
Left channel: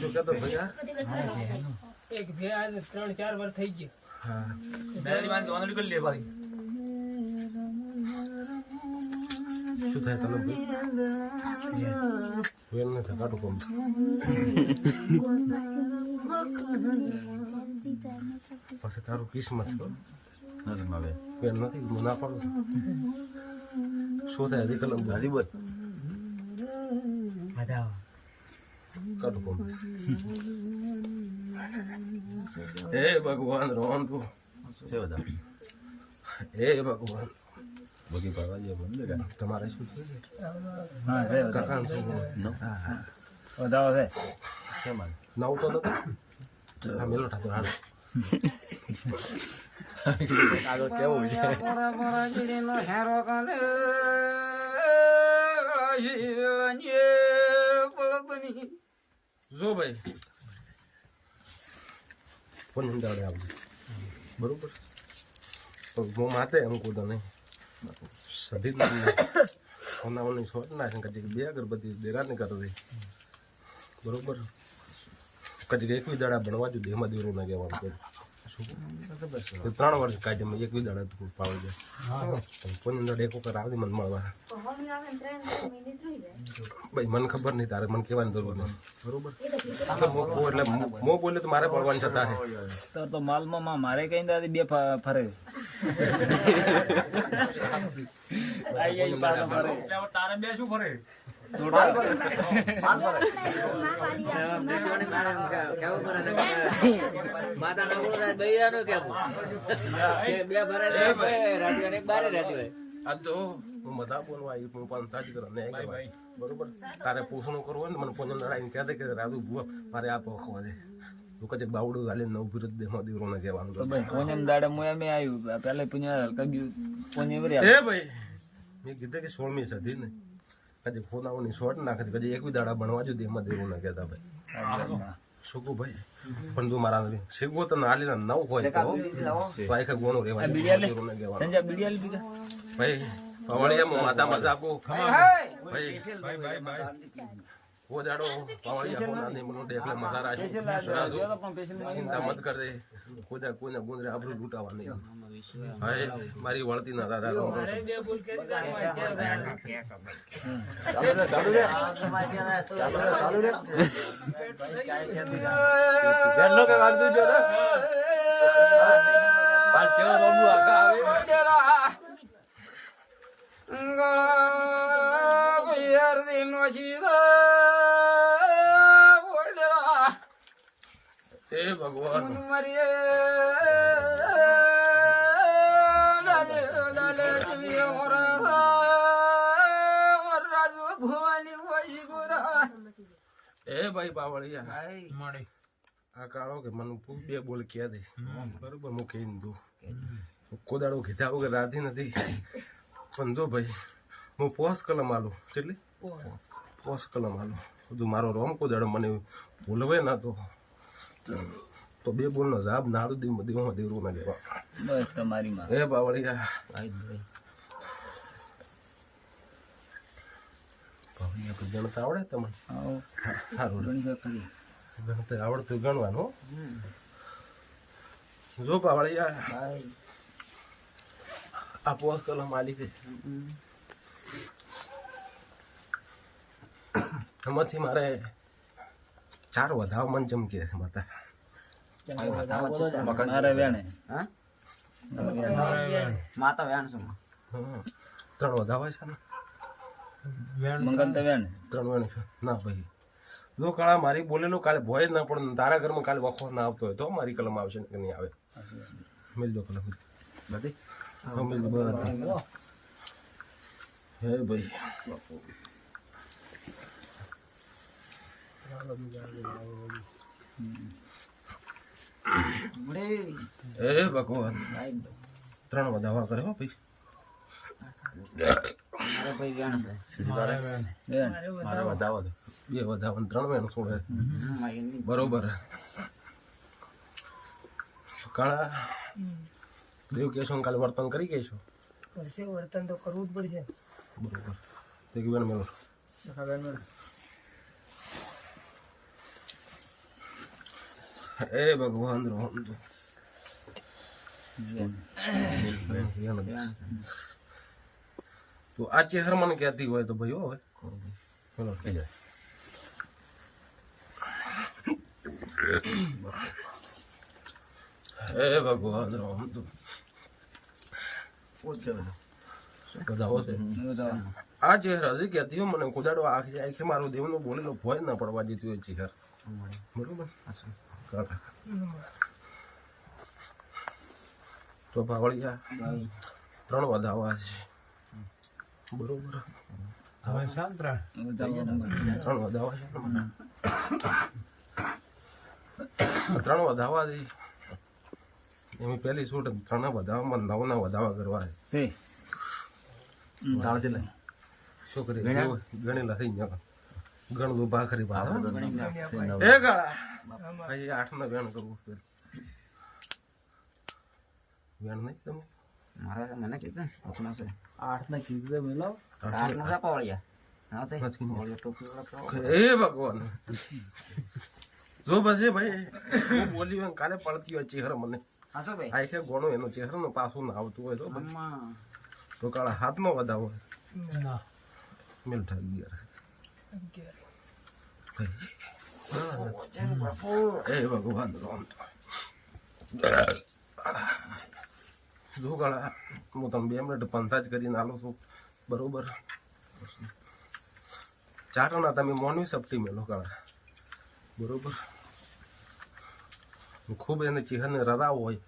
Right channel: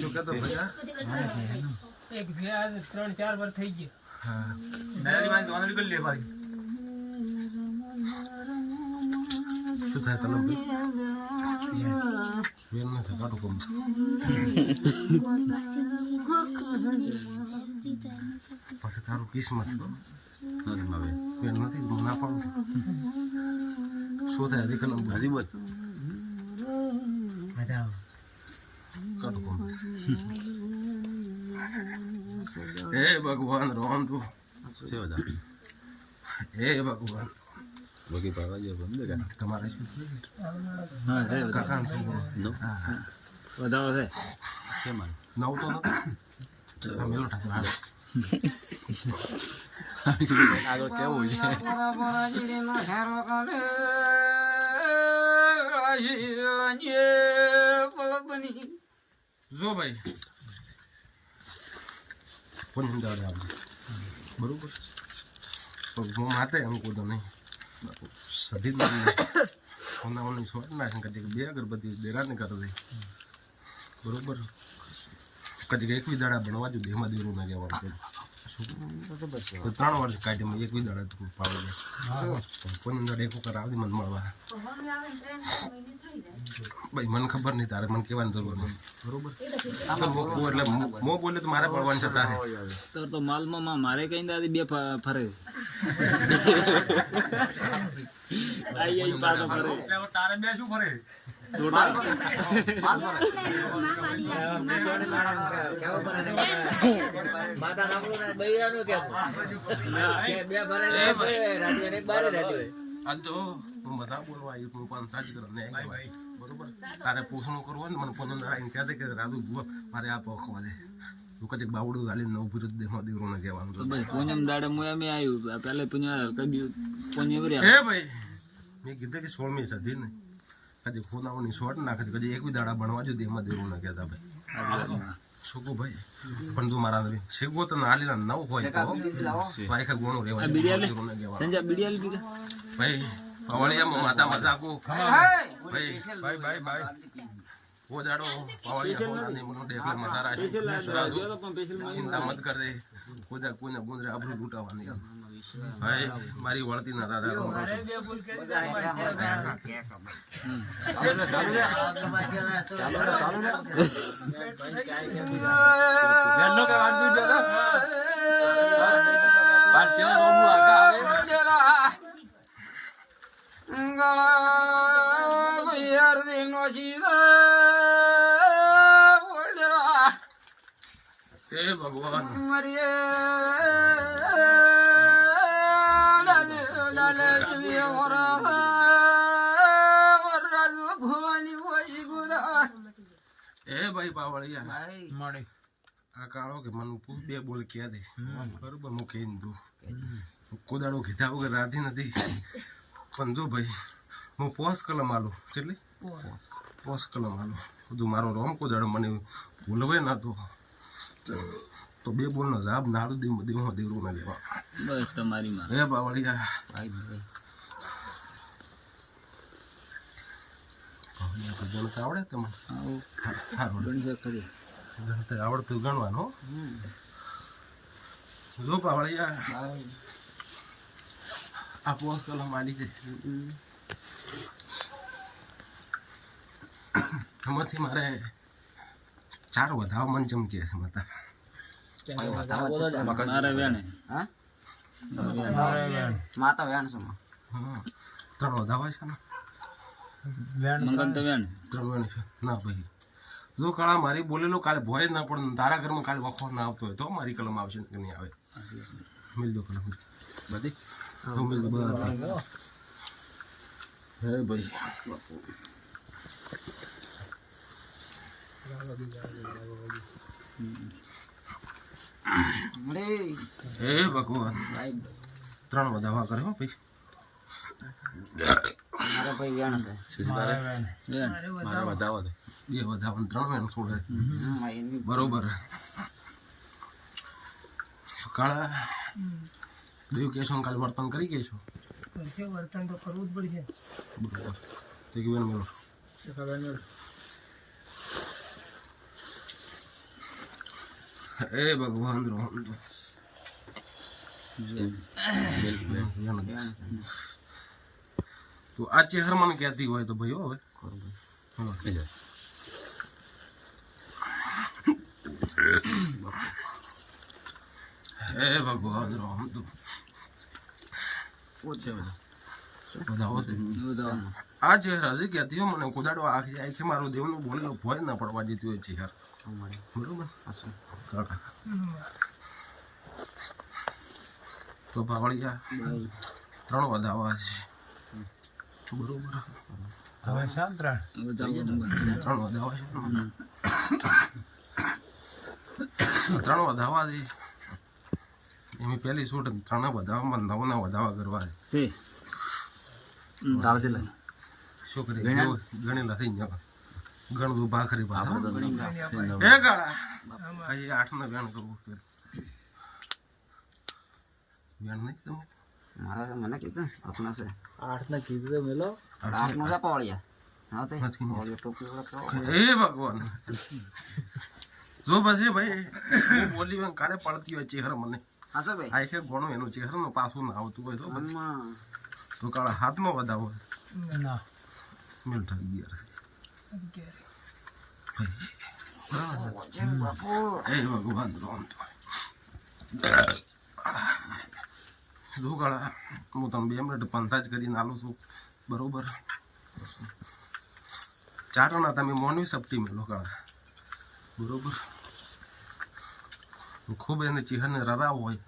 શું કહેતો ભાઈ એક ભે આજ 3-4 વાર થઈ ગયો હા શું થાય તને વેન નથી કાઢું કોમ પછી તારું કિસ્મત વેન નથી હું ના પાડું શું થાય હજી કલમ હજી બસ કાઢું કોમ એ ભગવાન રોમ તું એ ભગવાન તમારે શું કાકા વધારો છે નવ તો નથી આ મેલો ઠાકર હાલ આગળ કેવું છે જો ભાઈ પણ દાડે આવજો બરોબર હું માતે એમ કૂદો નહીં સધી સોનાઓની શોટ નાખે કદી 2 અગરબત્તી દેરાને કરી દે બરોબર કદી 21 દાડા ભણવા જો દેહમાં દેરું ના કહેવાનું કે શું 3 વર્ષ કાઢી મેં 21 દાડા તું પાવી દે પણ દાડે એક વખત આવતી મને મળવા ભાઈ મને ખબર નહીં તારે મને કહેવાની જરૂર નહીં બરોબર એટલે મો બોલે તો મારે પડવાની છતાં છે તો માલમાં મારે કઈ દાદી 2 ફરે આઈ પાછો ફરે તારે 2 શું ફરે માતા ના દયાનો કેમ બે ભરે રાજ્ય બારે રાજ્ય આજ જો હું મજા બોલવા આવી હું પણ સાચી કરો નહીં બરોબર તારે પૂછણું કરવું ને મને પોજો લડાઈને કહે કે રાજુ ભૂવા મારે આ પખવા દે તું કચેક બાવડું ગાલી નવ વિરુદ્ધ દેહમાં દેવરોને કહેવાનું તો ભાઈ પૂનમ દાડે હું એમ આવ્યું પહેલા પૂનમ કદી પૂનમ એ ભાઈ મેં કીધું કે 16મી સદી ને કદી ફોનાઓની શોટ નાખે કદી 21 દાડા ભણવા જો દેહમાં દેવરોને કહેતા ભાઈ શું ભાઈ પણ તું મારા શીખવો તો નાલી ના નવ હોય તો ભાઈ કે ગોણું રહેવા દેવરોને કહેવાનું સંજા બીડિયાલ બીગા ભાઈ પાવળિયા માતા મજાકો ભાઈ બાય वो जाड़ो पावड़िया होना नहीं मनो देख ले मजा राशि चिंता मत कर रे कोदा कोने गुंदरे आबरू लूटावानी हाय मारी वळती ना दादा ગણનો કે વાડ દુજો તો પાસ તેવા રોડું આખા આવે ગળા ભૈયાર દિનો શીરા ए भगवान મરીએ લાલે લાલે જીવી ઓરા વરરાજ ભવાની વઈ ગુરા ए भाई पावड़िया મળે આ કાળો કે મને બે બોલ કે દે બરોબર હું કહીને દઉં કોદાડો કીધા વગર રાધી નથી પણ જો ભાઈ હું પોસ કલમ આલું કેટલી પોસ કલમ આલું બધું મારો રોમ કોદાડો મને ભૂલવે ના તો તો બે બોલનો જવાબ ના આલું દી દેવું દેવું ના લેવા બસ તમારી માં હે બાવળિયા ગણતા આવડે તમને સારું ગણતા આવડતું ગણવાનું જો બાવળિયા આ પોસ કલમ આલી છે એમાંથી મારે 4 વધાવ મન ચમકે છે માતા મારે વેણે હા મારે વેણ માતા વેણ શું હા 3 વધાવા છે ને વેણ મંગલ તો વેણે 3 વેણ છે ના ભાઈ જો કાળા મારી બોલેલો કાલે ભોય ના પણ તારા ઘરમાં કાલે વખો ના આવતો હોય તો મારી કલમ આવશે ને કે નહીં આવે મિલજો કલમ બધી મિલ બરાબર હે ભાઈ એ ભગવાન 3 વધાવા કરે હો ભાઈ મારે ભાઈ વેણ છે મારે વેણ મારે વધાવો દે એ વધાવન 3 વેણ છોડે બરોબર કાળા દેવ કેશો કાલે વર્તન કરી ગઈ છો કરશે વર્તન તો કરવું જ પડશે બરોબર તે કે વેણ મેલો એ ભગવાન રોમ તો તો આ ચેહર મને કહેતી હોય તો ભાઈ હવે એ ભગવાન રોમ તો આ ચેહર હજી કહેતી હોય મને કુદાડો આખી આખી મારો દેવનો બોલેલો ભોય ના પડવા જતી હોય ચેહર બરોબર તો ભાવળિયા 3 વધાવા છે બરોબર હવે શાંતરા 3 વધાવા છે 3 વધાવા દે એની પહેલી શૂટ 3 વધાવામાં 9 ના વધાવા કરવા છે દાળ શું કરી ગણી નથી ગણ દો ભાખરી ભાવ એ ગાળા ભાઈ 8 ના વેણ કરવું વેણ નહીં તમે મારા તો મને કીધું આપણા છે 8 ના કીધું તો મેલો 8 નો છે પાવળિયા હા તે નથી. પાવળિયા ટોપી વાળા કેવો એ ભગવાન જો બસ એ ભાઈ હું બોલી હોય કાલે પડતી હોય ચહેરો મને હા સર ભાઈ આ છે ગોણો એનો ચહેરો પાછું ના આવતું હોય તો અમ્મા તો કાળા હાથમાં વધાવો ના મિલતા ગિયર એ ભગવાન રોમ તો જો કાળા હું તમે 2 મિનિટ પંચાજ કરીને આલું છું બરોબર 4 ના તમે મોનવી સપટી મેલો કાળા બરોબર ખૂબ એને ચહેરને રરાવ હોય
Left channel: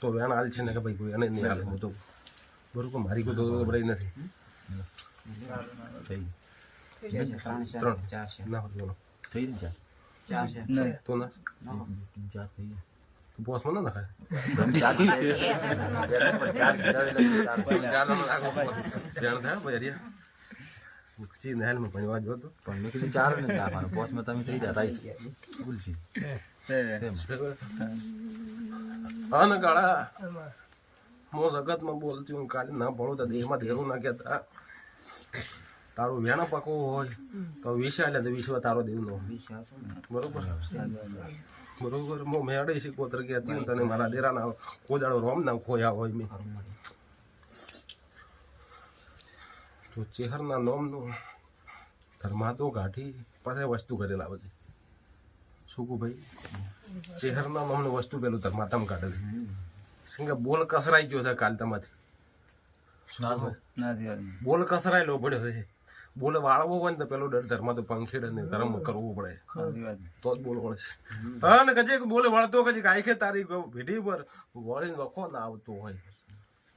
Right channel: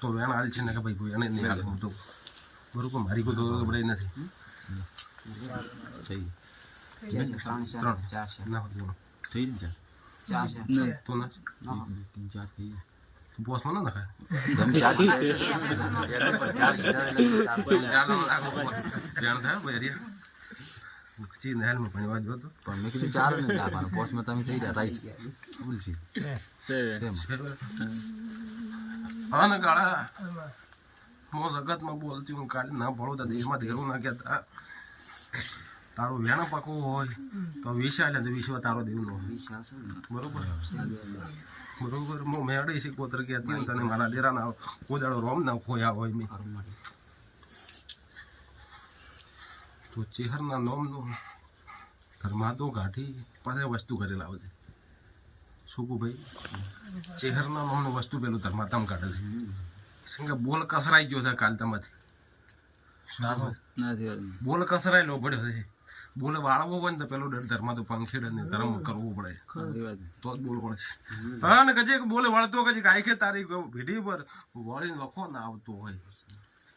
તો વેણ હાલ છે ને કે ભાઈ એને નહીં હાલે હું તો બરોબર મારી કોઈ તો બરાઈ નથી થઈ 3 4 છે ના હોય થઈ ને 4 છે તો ના 3 4 થઈ તો પોસ્ટમાં ના નખાય ધ્યાન થાય ભાઈ ચી નહેલ માં ભણવા જો તો પણ મેં કીધું 4 ને આપવાનું પોસ્ટમાં તમે થઈ જતા બોલશી હા ને કાળા મો જગતમાં બોલતી હું કાલે ના ભણું તો દેહમાં ધેરું ના કહેતા તારું વેણ પાકવું હોય તો વિશાળ એટલે વિશ્વ તારો દેવનો બરોબર બરોબર મો મેળે છે કોતર કહેતી હું તને મારા ડેરાના કોદાળો રોમ ના ખોયા હોય મેં તો ચેહરના નોમનું ધર્માતો કાઢી પાસે વસ્તુ કરેલા આવે છે શું કહું ભાઈ ચેહરના નોમનું વસ્તુ પેલું ધર્માતામાં કાઢે છે સંગે બોલ કસરાઈ ગયો છે કાલ તમાથી બોલ કસરાયેલો પડ્યો છે બોલ વાળવો હોય ને તો પેલો ડર ધર્મા તો પંખેડ ને ધર્મ કરવું પડે તો જ બોલ વળે હા ને કજે બોલે વળતો કજી આખે તારી ભેટી પર વળીને વખો ના આવતો હોય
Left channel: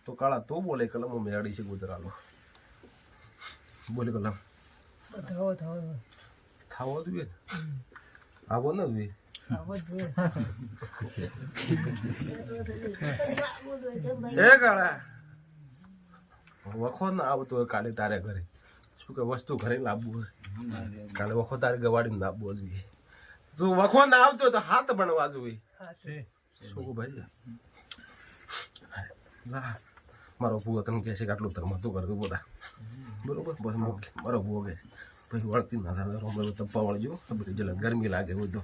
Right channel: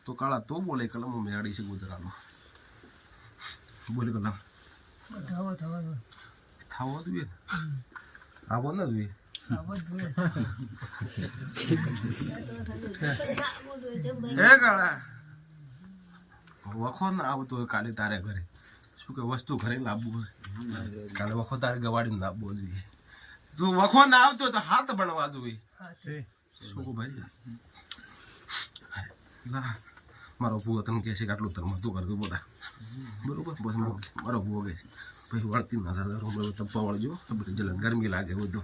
તો કાળા તો બોલે કલમો મેળડી છે ગુજરાલો બોલે કલમ થાવો જોઈએ આવો ને જોઈએ એ કાળા વખો ના આવતો હોય કાલે તારે ઘરે શું કે વસ્તુ ઘરે લાવવું હોય કાલે વખો તારે ગવાડીને લાવવો જોઈએ જો વખો ના આવતો તો હાથ બનવા જોઈએ હા છે શું ભાઈ મારો ભૂવો તને કહે છે કે આટલું તરમતું કરતું પોતા બરોબર બસ મારો ભૂવો કહે છે પછી વળતી ના થાય હમણાં તપ્પા વળજો બધી જલ ગરમી લાગે બધું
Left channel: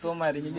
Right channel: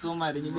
તો મારી